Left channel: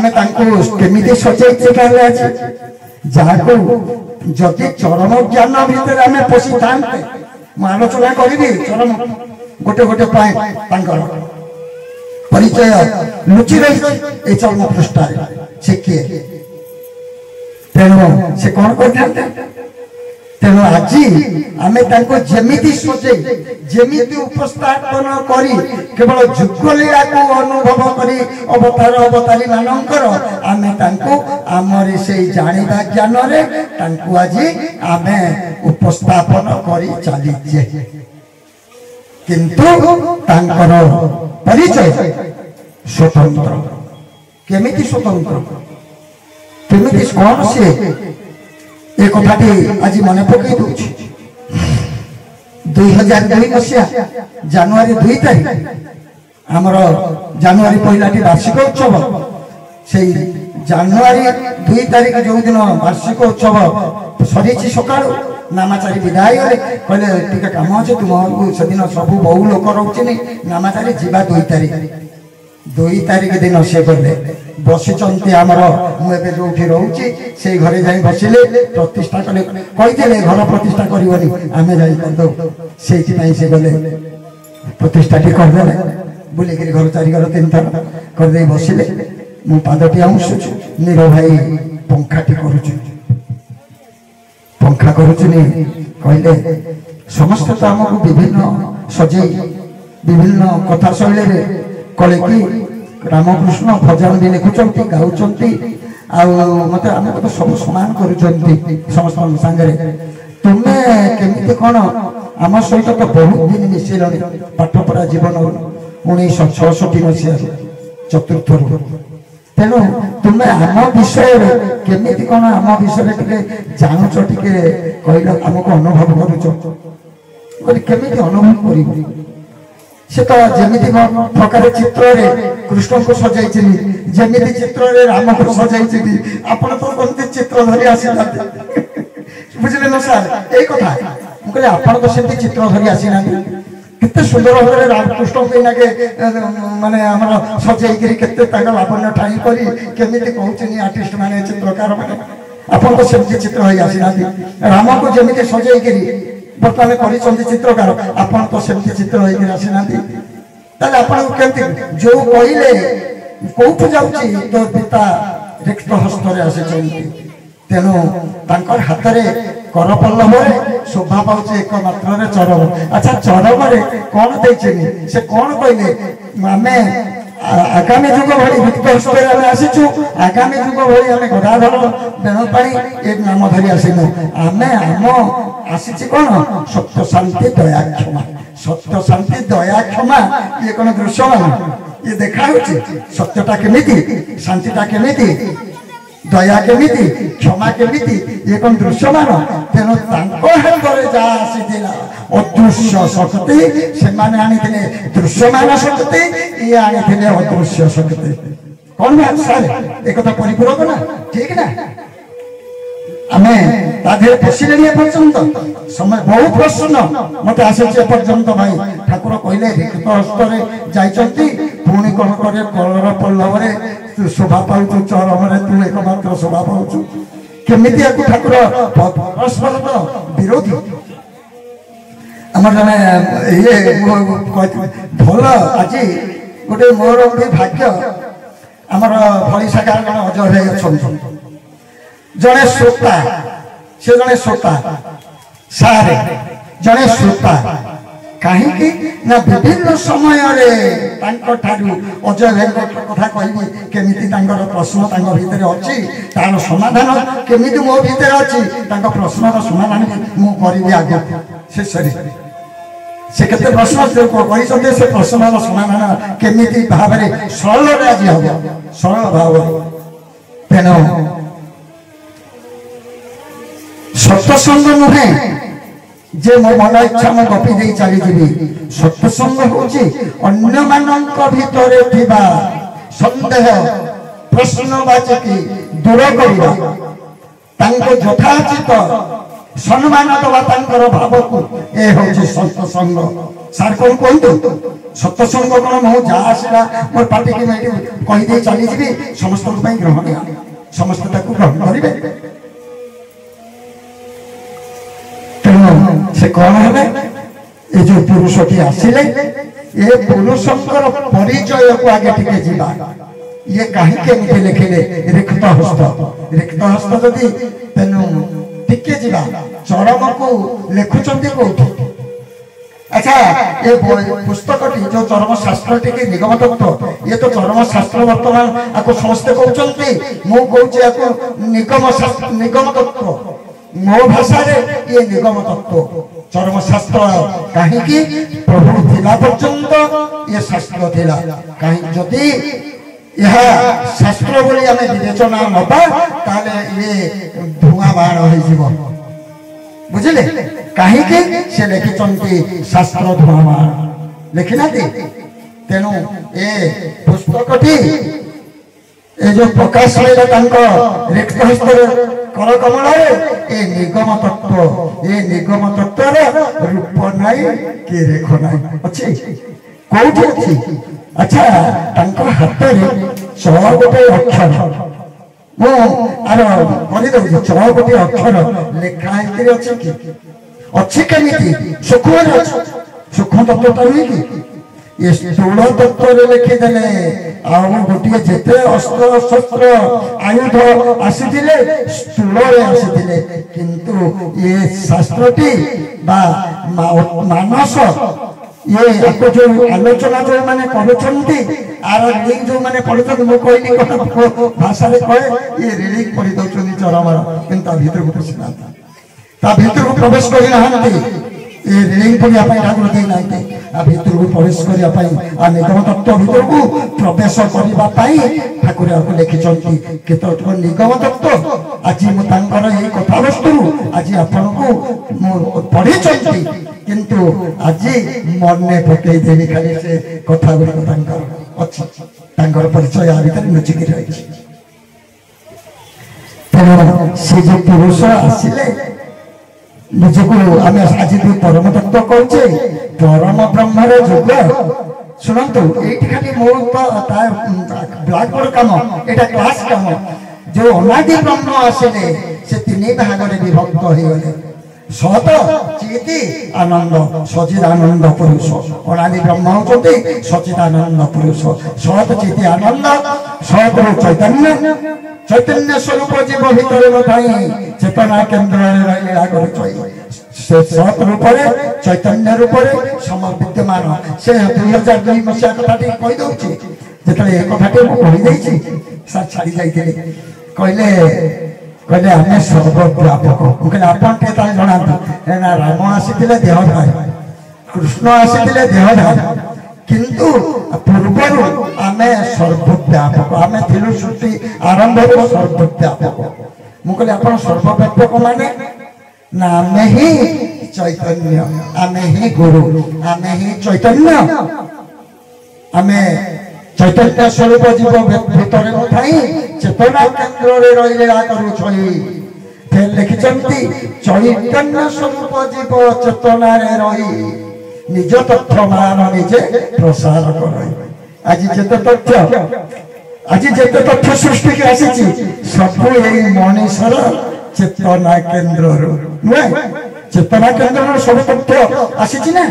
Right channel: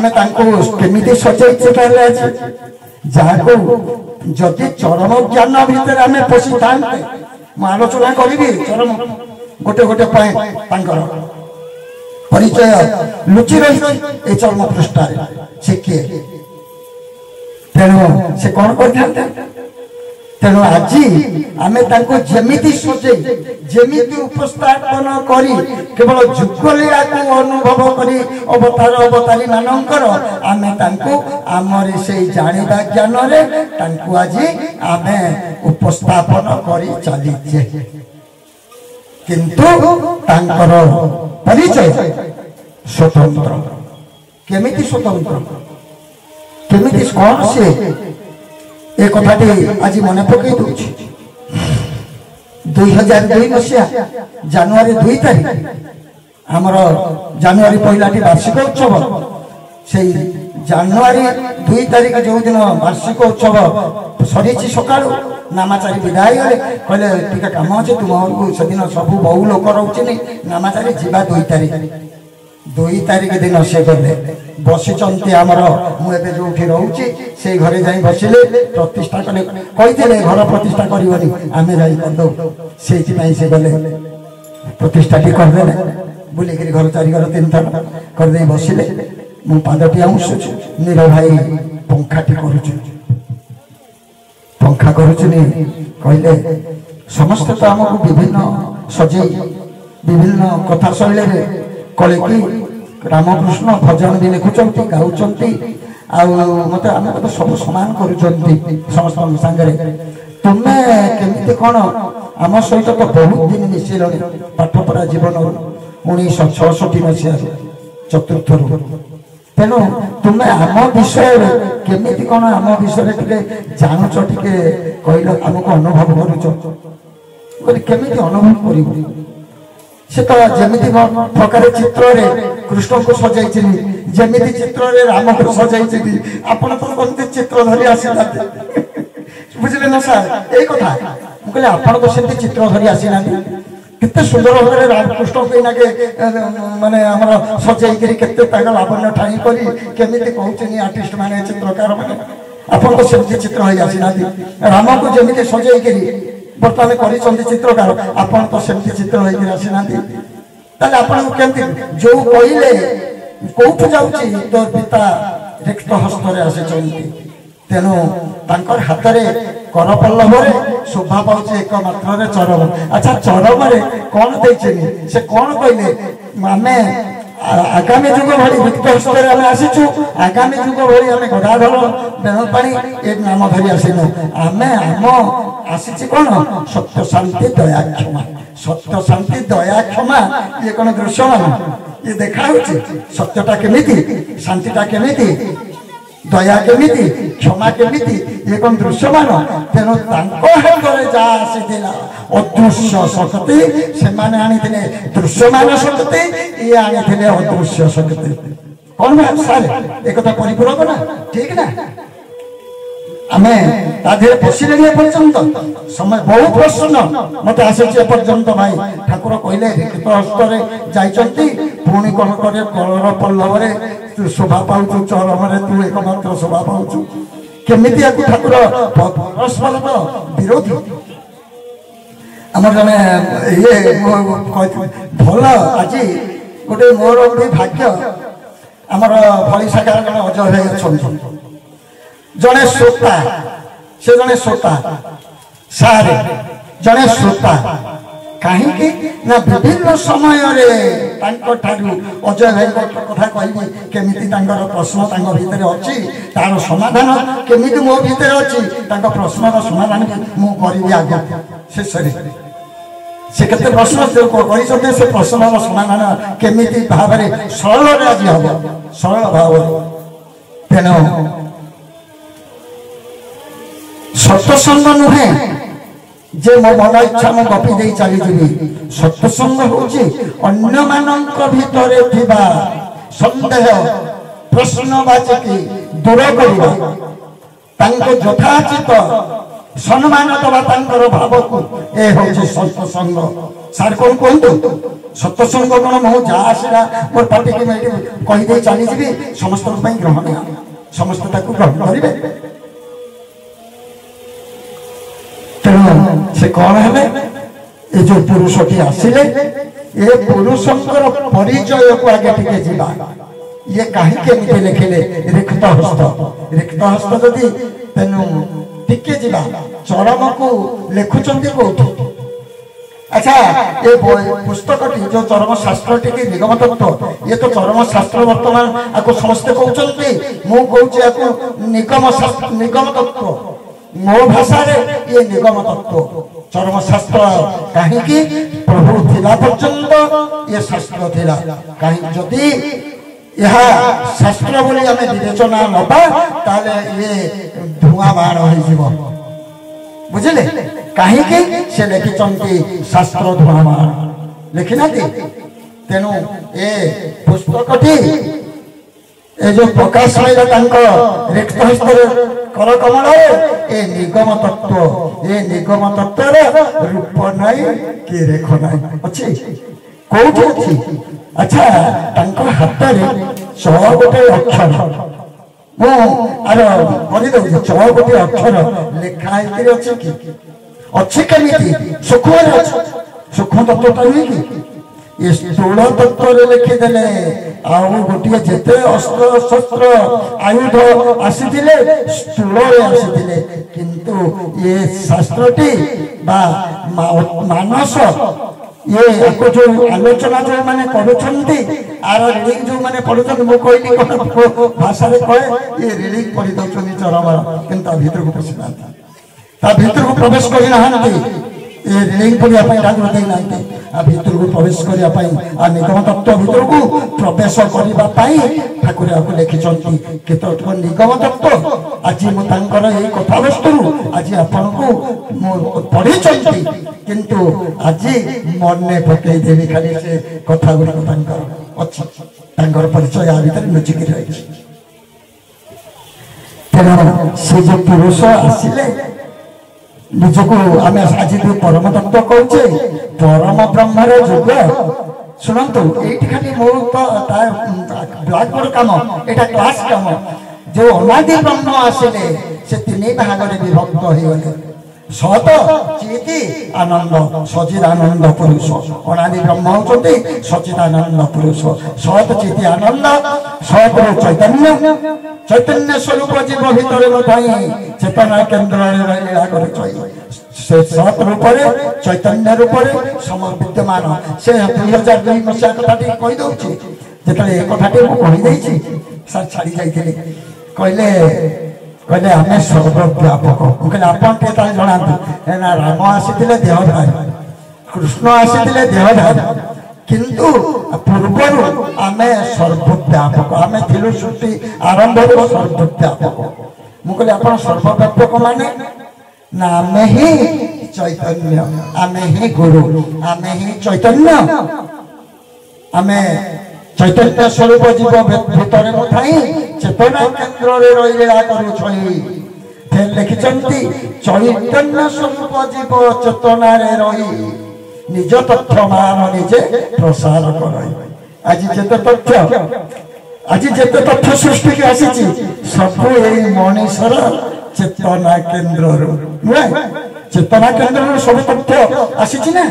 आमे तांको केमिति सचैछि कहले अछि जाको जति चरम ज्ञान भीतर आमे पसी थांते म आलोचना करिबी चरम गोटे गोटे पाए तांकर परिचय लुचि रही ए चरम पृष्ठारे से किए तेणु से कौन करते तेणु आज आम जमीती सजे जमीती उपस्थापन करी केवल जुगलीला को अनुभव करी अवतार अवतारी मानकर आम आमर से जानिबा ज्ञान रे आज आम उपस्थापन करी चलीचे किंतु तांकर परिचय स्वतंत्र केमिति स्वतंत्र केमिति कौन से एक कथाटी आज मन पकई दूची 2002 मसीहा जनवरी 2 तारीख आमर जनवरी पहलाटी वार्षिक उत्सव से जनवरी 2 तारीख जो दिन वार्षिक उत्सव सरी सका नामाचारी विदाय गले कहले टिके काम अच्छे तुम से दिन सब बहु लोक रोचे नामाचारी जीवा 2 तारीख दिन से गले बसी आमर मुझे जो रोचे से घरे जा बसिले प्रतिष्ठा कले कही घर प्रतिष्ठा करनी आम जादे से गले प्रतिष्ठा करदे बुलिक घर चारिगर 3 थर करदे बसिले मु पादटी आमुसुछु नीर भाई पंखाटी करुछु पंखा करुचुनी कहले समस्त तो आमको विभिन्न सजे विभिन्न कथा शैली कले कि रामकृष्ण भजन भी लिखुंट गाँव मत आम तो सब सामान कर सांगे तुम्हें केमी कौन आम सहित तो बहुत दिन मिसेल पाठ पढ़ा जीवन 1966 मसीह चतुर्थ तेणु तुम्हें आम विषय केमी कौन आम विषय टे जानूच टे कहल आमको अनुभव करुमी अनुभव कर से तो जमी प्रकार चित्र कृष्ण को सजाई जमी चित्र राम को सजाई आपड़ तो कमी चित्र धरी आसीना बुझे ना सार यही कथा मुझे आपड़ तो सेमती चित्र धरी आसीना केते सुंदर भाव रामकृष्ण को माने सजाई के लावण्य ठाई करी कहते आर्टिस्ट माने चित्रकार माने आपन को सेमती चित्र हो आसीना राम को जमी सजाई बर्तमान कर चित्रकार आपन तो सेमती चित्र हो आसीना केमती जो कहले कौट जाऊँगी तो पिता रिक्त हस्त आसी तेणु हाथ में करपल्लव शोभा पाँच एक मात्र चरम अच्छा चरम कौन देचे से कौन कहले आम आगामी जुग भाई रिक्त हस्त आसीचु आगामी जुग भाई आम गदाधर बेणुपाणी ये नाम धरी आसनु आम आम आसी कौन सत्य शांति दया क्षमा सत्य शांति दया क्षमा ये कौन दृश्यमान ये देखा सत्यटा केमिति शांतिटा केमिति दया केमिति क्षमा केमिति ये कौन दृश्यमान तेणु जा आसीला अदृश्य शक्ति से माने आनी दृश्यमान शक्ति ये आनी अदृश्य शक्ति कौन बात सारे एक परिपूरक ना ठीक ना आमे ताधे फसिले पर्यंत समय बहुत प्रश्न मत आसे पर्यंत भाई ठाकुर कहले रिक्त हस्तर जाइछंती पुणी कौन करे कलर पल्लव तू शोभा पाऊ चरम तू एकमात्र शोभा पाऊ केमिति ठाकुर परस्पर तो विरोधी आम जने ये भल आज गोटे मोर गोटे भाग्य आमर भैसागार जन अजय भाई अच्छा जड़े श्रोता से जड़े श्रोता सारे जड़े श्रोता कहीं ना विभिन्न समय अजय भाई कथा कहि केमिति प्रश्न भितर अच्छी तार समाधान केमिति मो भितर अच्छी प्रश्न समाधान मु करी आगे शेष से केते प्रश्न कही से प्रश्न समाधान केमिति भाव सरल आज हम सरल भाव तेणु सत्संग नुहे जे मो मन इच्छा मो गपी दे चली जीवी सत्संग होची अन्य मानक भितरे थिबा संदेह प्रश्नवाचकी दूर करिबा तांको यथाचित सम्मान दवा तांकर भाव को ए होची सत्संग सार कौन कहतु सत्संग कौन मो जा आसला मोर पार्टी की कहीदे चली जी समस्त ग्रहण समस्त ग्रहण करेंगे तेणु से कौन है ये जो पुरुषटी आसिले ये पुरुषंकर परिचय को आगे टिके जीवा ये कहीं लिखिले रिक्त हस्त जदि तेनु टिके जीवा चरम को लिखुंट कौटी। अच्छा ये पुस्तक जो चरम शास्त्र टी निगम तत्व ये तो चरम शास्त्र वर्तमान आपको समस्ते कहते मुझे निगम तत्व मो भाषा ये निगम तत्व चरम शास्त्र कहीं प्रभु थिला पर्यंत ये शास्त्र थिला कहीं जदि यह शास्त्र बोली आम विवेचना नबा ताले ये धुआं बाण हो बुझिले कहीं से लिखिं शास्त्र धुआं बाण लिखिना तेणु ये पुस्तकटी ये जो प्रकाश रिक्त हस्त कर कमल ये निगम तत्व रूप नाई कि रेख नाई अच्छी कौटी अच्छी। अच्छा हाथ में 100 गोटे अक्षर मुझे 100 गोटे अक्षर लिखाई अच्छी कमी सूक्ष्म तत्व तो हुई कि ये स्थूल तत्व लिखिदे गोटे जिते अस्त्र शस्त्र आयुध आसी स्थूल आसी किंतु ये शास्त्रटी मानस ये जो आलोचना जो मैंने करुँच रिडिंग जो मैंने पढ़ुं मुझे भाषा कहे ये रिडिंग कर दौरान चरम कि भर को पशि ना भर को प्रवेश करना ये रिडिंग करने ठाकुर ना भर को प्रवेश करने निगम तत्व भर को प्रवेश करने ठाकुर आपको लिखिं केत निगम तत्व आज मुझे कथा वस्तु आज आपको पढ़ी किंतु आज मन पकईदेवी खाली से कथा गुड़िक अच्छी परिचय आ भर लुचिक रही तेणु से जो पुरुष आसिले निजक आम आज परम तत्व कहे परम ब्रह्मर जुग शुणु ये खाली मोर ब्लैक बोर्ड कम यहाँ क्लास कम जो अनादि ब्रह्म आसिले से 3 भाग में विभक्त हो गए सत चिति आनंद सचिदानंद पुरुष अनादि ब्रह्म होती सचिदानंद पुरुष सत चिति आनंद सत चैतन्य चैतन्य स्वरूप जीव भीतर चेतना केन्द्र लीला कर सत रूप चैतन्य रूप सम विद्यमान से 2002 मसीहा कथाटी कहीदे जिते ये कथाटी मुझे सर छाड़ी जाइए कहले कहले आम सर्वव्यापक मुझे आप जनातु ना राम आसी देहधारी कृष्ण आसी देहधारी किंतु पूर्व आम सर्वव्यापक आम थिलु सृष्टि आरंभ सर्वव्यापक मुझे आप सर्वव्यापक माने ना आम ही चैतन्य आम ही गुरु आम ही चैतन्य आम चैतन्य स्वरूप जीव भीतर नई चेतना केन्द्र रही लीला कर लिखिं चैतन्य स्वरूप जीव चेतना रही निज तथ्य मान निजे प्रसार कर आज जिते तथ्य सृष्टि की आसी सब यही मनीषर चेतना केन्द्र नुहे चेतना केन्द्र सब तथ्य आसी ना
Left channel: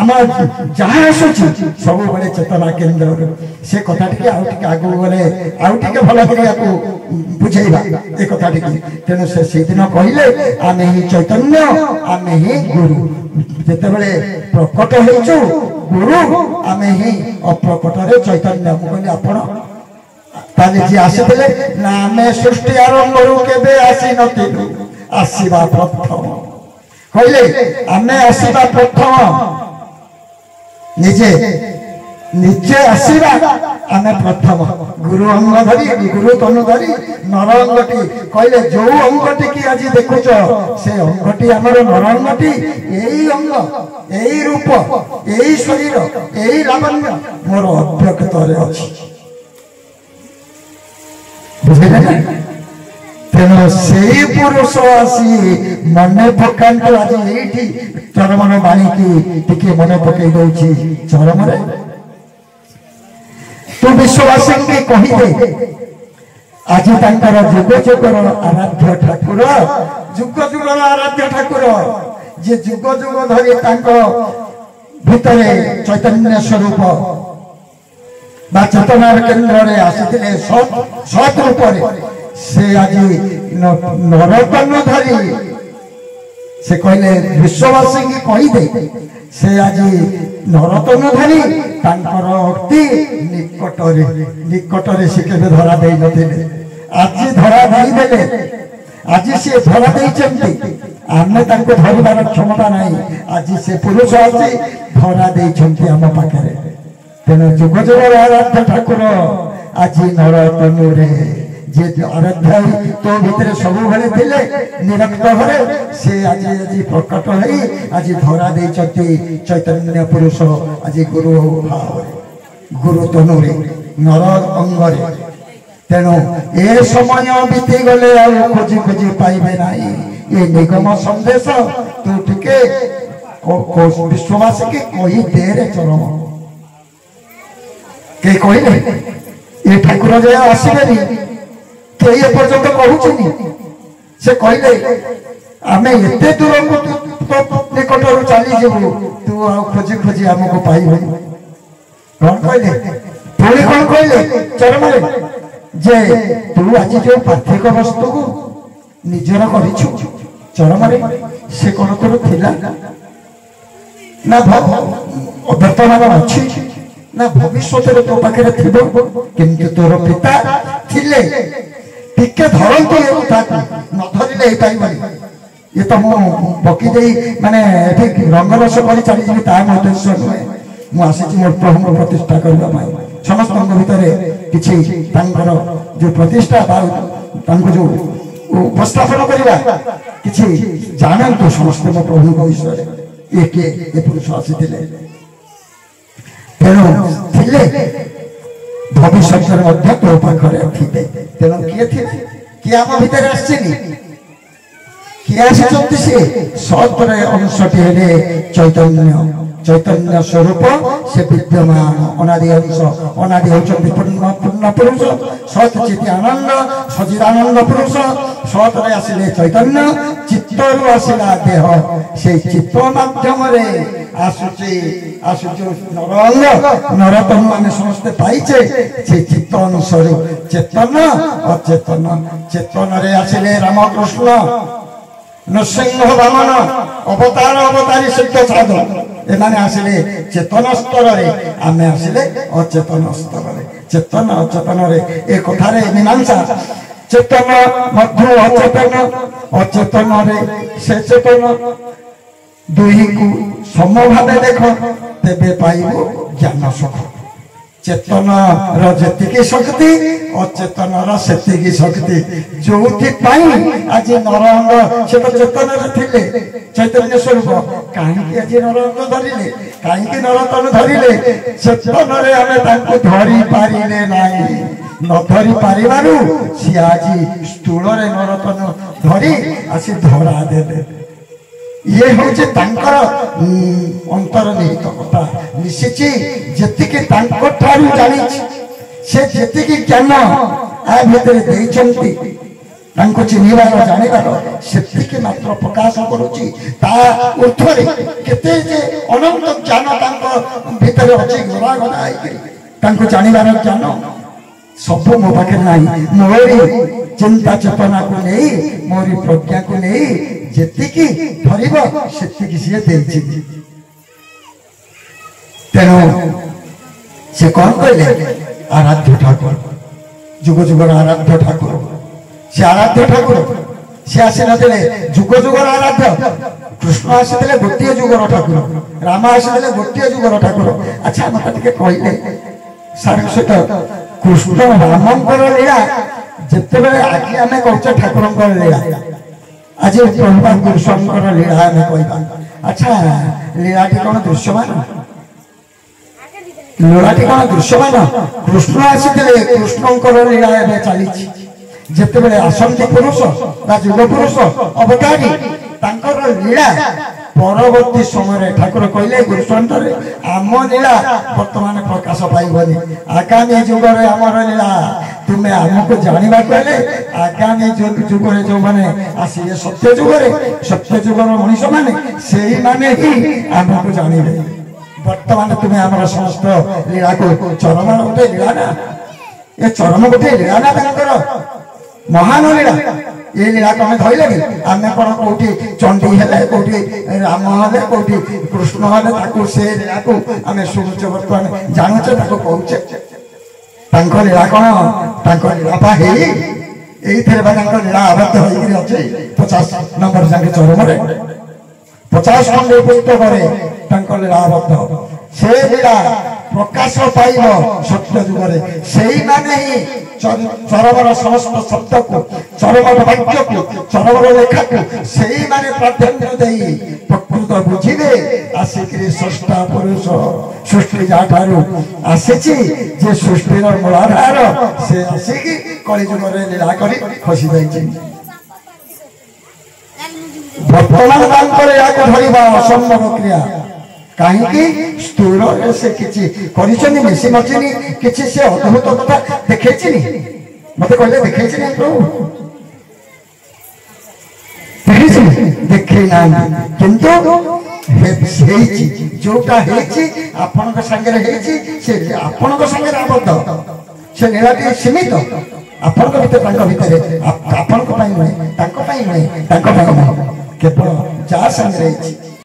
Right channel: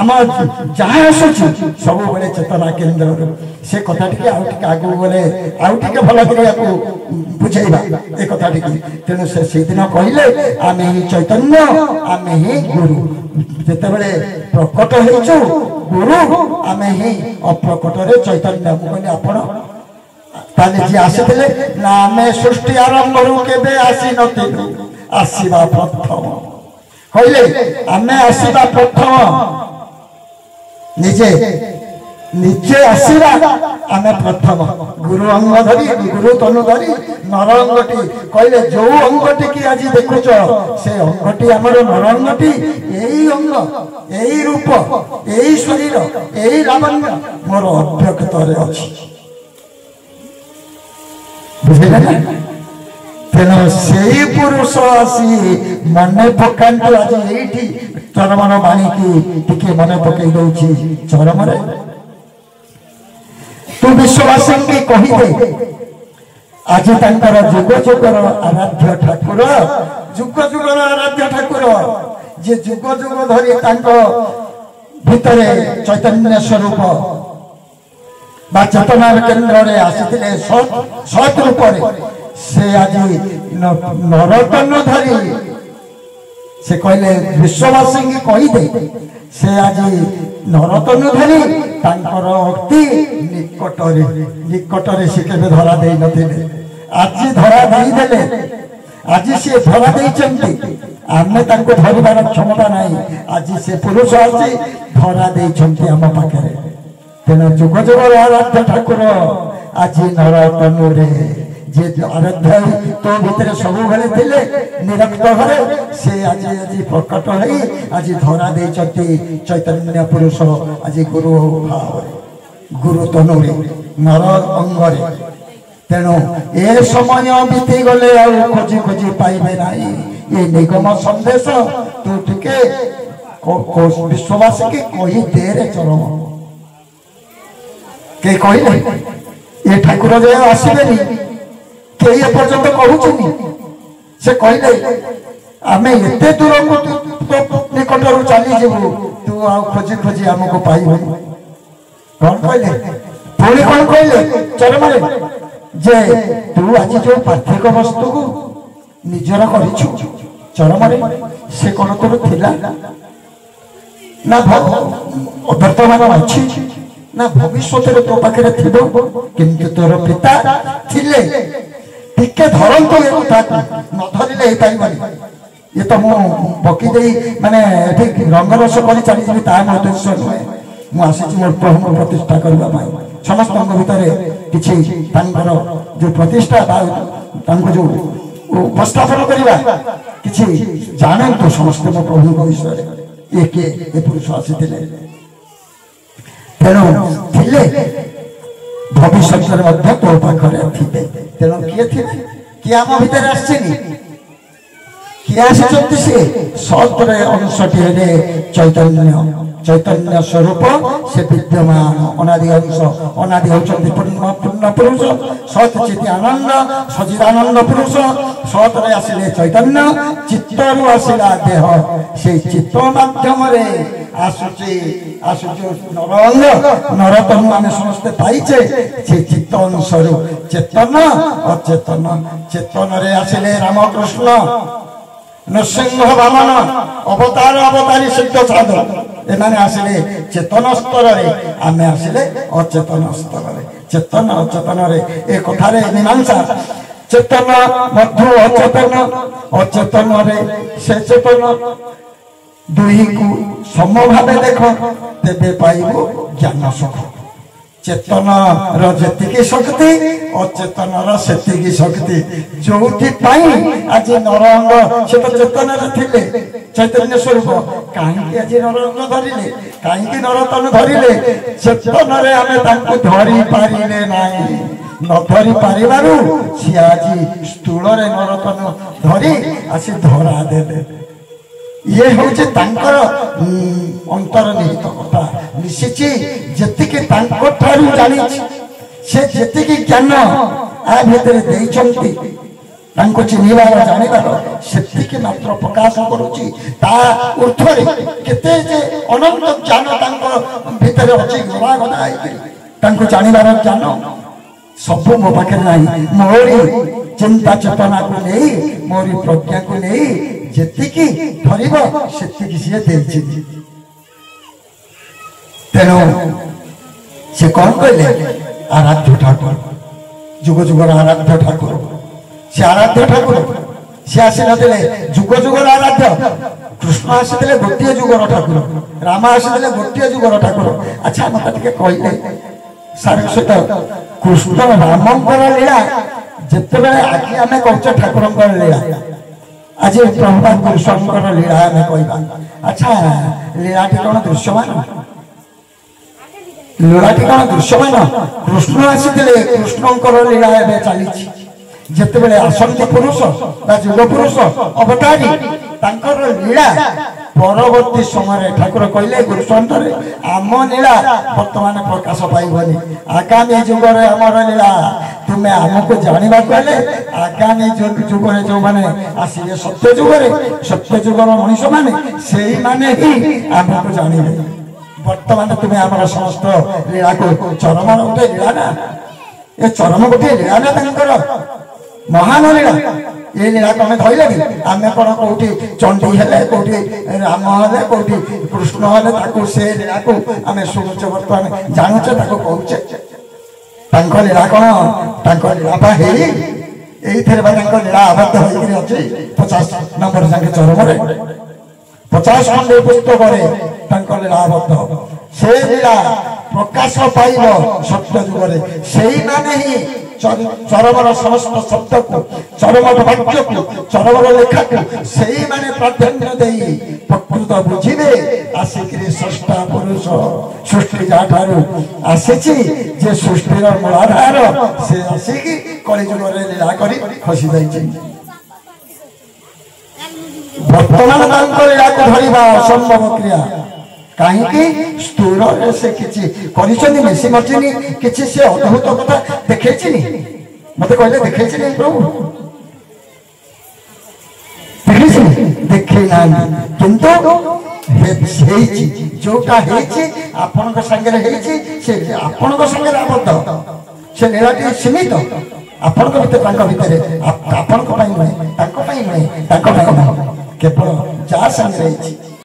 आम जहाँ आसूँ सब बड़े चेतना केन्द्र से कथा टी आगे गले आगे भल कर बुझेगा ये कथा टी तेणु से दिन कहले आम ही चैतन्य आम ही गुरु जिते बड़े प्रकट हो गुरु आम ही अप्रकट चैतन्य मुझे आप जी आसीले ना आम सृष्टि आरंभ के आसी नु आसवा प्रथम कहले आम आसवा प्रथम निजे निजे आसवा आम प्रथम गुरु अंग धरी गुरु तनु धरी नर अंगटी कहले जो अंगटी की आज देखुच से अंगटी आमर नर अंगटी यही अंग यही रूप यही शरीर यही लावण्य मोर अव्यक्त अच्छी बुझे तेणु से पुरुष आसी मन पकांतु आज ये चरमर बाणीकी टिके मन पकई दौची चरम तू विश्ववासी के कहीदे आज तांकर जुग जुगर आराध्य ठाकुर जुग जुगर आराध्य ठाकुर जे जुग जुग धरी भितरे चैतन्य स्वरूप बा चेतना केन्द्र में आसी सत रूप से आज नरतन धरी से कहले विश्ववासी की कहीदे से आज नरतन धरी अति निकटरे से केवे धरा दे नथिले आज धरा देदेले आज सी धरा देइछन्ति आमे तांको धरिबार क्षमता नहीं आज से पुरुष आसी धरा देइछन्ति आम पाखरे तेणु जुग जुग आराध्य ठाकुर आज नरतनु रे जे आराध्य तो भितर सब बेले थिले निरक्त हरे से आज आज प्रकट है आज धरा देइछन्ति चैतन्य पुरुष आज गुरु भाव गुरु तनु रे नर अंगरे तेणु ए समय बीती गले खोजी खोजी पाइबे नहीं ये निगम संदेश तू टिके विश्ववासी के कही दे रे चरम के कहले ये ठाकुर जे आसबेनी के ये पर्यंत कहूचनी से कहले आमे एते दूर को निकटरू चली जेबू तू खोजी खोजी हमको पाइबे कौन कहले पुणी कौन कहले चरम जे तू आज जो पार्थिक वस्तु को निजर करिछु चरम से कौन तोर थिला ना वर्तमान अच्छी ना भविष्य तो पाखे थी किंतु तोर पिता थिले टिके धरतु न धरले ये तो मु बकी दे माने रंगरस कर चली उद्देश्य नुहे मुझे मोर प्रभु प्रतिष्ठा करने समस्त भितर किसी जो प्रतिष्ठा जो उपस्थापन करवा कि जानतु समस्त मो प्रभु विषय ये किए पुरुष आसी तेणु भविष्य तो पाखे थे तेणु किए थे किए आम भर किए आसी से सतरे अंशटी चैतन्य चैतन्य स्वरूप से विद्यमान अनादि अंश अनादि होती पूर्ण पुरुष सत चित आनंद सचिदानंद पुरुष सतरे आसिले चैतन्य चित्तरु आसिला देह से चित्त माध्यम आसुची नरअंग नरतनु आम समस्ते पाइचे से चित्त अनुसार चेतन अचेतन चेतन आसिले रामकृष्ण नृसिंह वामन अवतार अवतारी सिद्ध साधन एमाने आसिले चेतन स्तर आम आसिले अचेतन स्तर चेतन अचेतन ए कथारे मीमांसा चेतन मध्य अचेतन अचेतन से चेतन दुई को समभावे देख तेबे पाइबो ज्ञान सुख चेतन रती शक्ति अचेतन रती शक्ति जो आज नरअंग से तो चेतन थे चैतन्य स्वरूप कहीं आज नरअंग धरिले कहीं नरतन धरिले चेतन आम धरी पारे ना न धरी पारू सी आज स्थूल नरतन धरी आसी धरा दे ये हूँ अंतर्निहित कथा मिशी जी जानी से जी ज्ञान आ भितर चिन्हबार जानवर से मात्र प्रकाश करुच्ची ऊर्धरे केते अनंत ज्ञान भितर अच्छी गला गला जानवर ज्ञान सब मो पाखे ना मोरी चिंता चेतना को नहीं मोरी प्रज्ञा को नहीं जी धरब से तेणु से कौन कहले आराध्य ठाकुर जुग जुगर आराध्य ठाकुर से आराध्य ठाकुर से आसी नथिले जुग जुगर आराध्य कृष्ण आसी गोटे जुगर ठाकुर राम आसी गोटे जुगर ठाकुर अच्छा मत कहले सार सहित कृष्ण रामंकर लीला जिते आज आम कर ठाकुर लीला आज प्रभुपाद गुरुस्वामी लीला आम कह अच्छा लीलाटी कौन दृश्यमान लीलाटी कौन दृश्यमान कृष्ण आसी कृष्णकर लीला चली ଯେତେବେଳେ ଆସନ୍ତି ପୁରୁଷ ବା ଯୁବ ପୁରୁଷ ଅବତାରୀ ତାଙ୍କର ଲୀଳା ପରବର୍ତ୍ତୀ ସମୟରେ ଠାକୁର କହିଲେ ଗୁରୁସନ୍ତରେ ଆମ ଲୀଳା ବର୍ତ୍ତମାନ ପ୍ରକାଶ ପାଇବନି, ଆଗାମୀ ଯୁଗରେ ଆମର ଲୀଳା ତୁମେ ଆମକୁ ଜାଣିବାକୁ ହେଲେ ଆଗାମୀ ଯୁଗରେ ଯୋଉମାନେ ଆସିବେ ସତ୍ୟ ଯୁଗର ମଣିଷ ମାନେ ସେଇମାନେ ହିଁ ଆମକୁ ଜାଣିବେ। ବର୍ତ୍ତମାନ ତୁମେ ଆମର ସମସ୍ତ ଲୀଳାକୁ ଚରମର ଗୋଟେ ଲୀଳା ନା, ଏ ଚରମ ଗୋଟେ ଲୀଳା ନା ତାଙ୍କର ମହାନ ଲୀଳା। ଏ ଲୀଳାକୁ ଆମେ ଧଇଲେଣି ଆମେ କଣ କୋଉଠି ଚଣ୍ଡୀ ହେଲେ କୋଉଠି ରାମ ହେଲେ କୋଉଠି କୃଷ୍ଣ ହେଲେ ତାକୁ ସେ ଲୀଳାକୁ ଆମେ ଶୁଣୁଛେ, ବର୍ତ୍ତମାନ ଜାଣୁଛେ, ତାକୁ କହୁଛେ। ତାଙ୍କ ଲୀଳା କଣ? ତାଙ୍କ ଲୀଳା ବା ହେଇ ଏଇଥିରେ ବା ତାଙ୍କ ଲୀଳା ଆବଦ୍ଧ ହେଇକିରି ଅଛି 50 ନମ୍ବର ଯାକେ ଚରମରେ 50 ଖଣ୍ଡେ ପୁସ୍ତକରେ ତାଙ୍କ ଲୀଳା ଆବଦ୍ଧ। ସେ ଲୀଳା ପ୍ରକାଶ ପାଇବ ସତ୍ୟ ଯୁଗରେ, ସେଇମାନେ ହିଁ ଚରମର ସମସ୍ତ ଶବ୍ଦକୁ, ଚରମର ବାକ୍ୟକୁ, ଚରମର ଲେଖାକୁ ସେଇମାନେ ପ୍ରାଧାନ୍ୟ ଦେଇ ପ୍ରକୃତ ବୁଝିବେ। ଆସିକିରି ସ୍ରଷ୍ଟା ପୁରୁଷ ସୃଷ୍ଟି ଯାଠାରୁ ଆସିଛି, ଯେ ସୃଷ୍ଟିର ମୂଳାଧାର ସେ ଆସିକି କଳିଯୁଗରେ ଲୀଳା କରି ଖସି ଯାଇଛି। ବର୍ତ୍ତମାନ ତାଙ୍କ ଲୀଳାକୁ ଧରିବା ଅସମ୍ଭବ କ୍ରିୟା। କାହିଁକି? ସ୍ଥୂଳରେ ସେ କିଛି କରିଛନ୍ତି, ମିଶି ମଚିନି କିଛି ସେ ଅଦ୍ଭୁତ କଥା ଦେଖେଇଛିନି। ମତେ କହିଲେ ଦେଖେଇଛି ନାହିଁ ପ୍ରଭୁ, ଦେଖେଇଛି ଦେଖେଇ ନାହାନ୍ତି, କିନ୍ତୁ ହେଇଛି, ଯୋଉଟା ହେଇଛି ଆପଣଙ୍କ ସାଙ୍ଗରେ ହେଇଛି, ସେ ଆପଣଙ୍କ ସାଙ୍ଗରେ ଆବଦ୍ଧ। ସେ ଲୀଳାଟି ସୀମିତ ଆପଣଙ୍କ ଭିତରେ, ତାଙ୍କ ଭିତରେ, ଆପଣଙ୍କ ପାଇଁ ନୁହେଁ, ତାଙ୍କ ପାଇଁ ନୁହେଁ, ତାଙ୍କ ପାଇଁ ନୁହେଁ, କେବଳ ଯାହା ସାଙ୍ଗରେ ହେଇଛି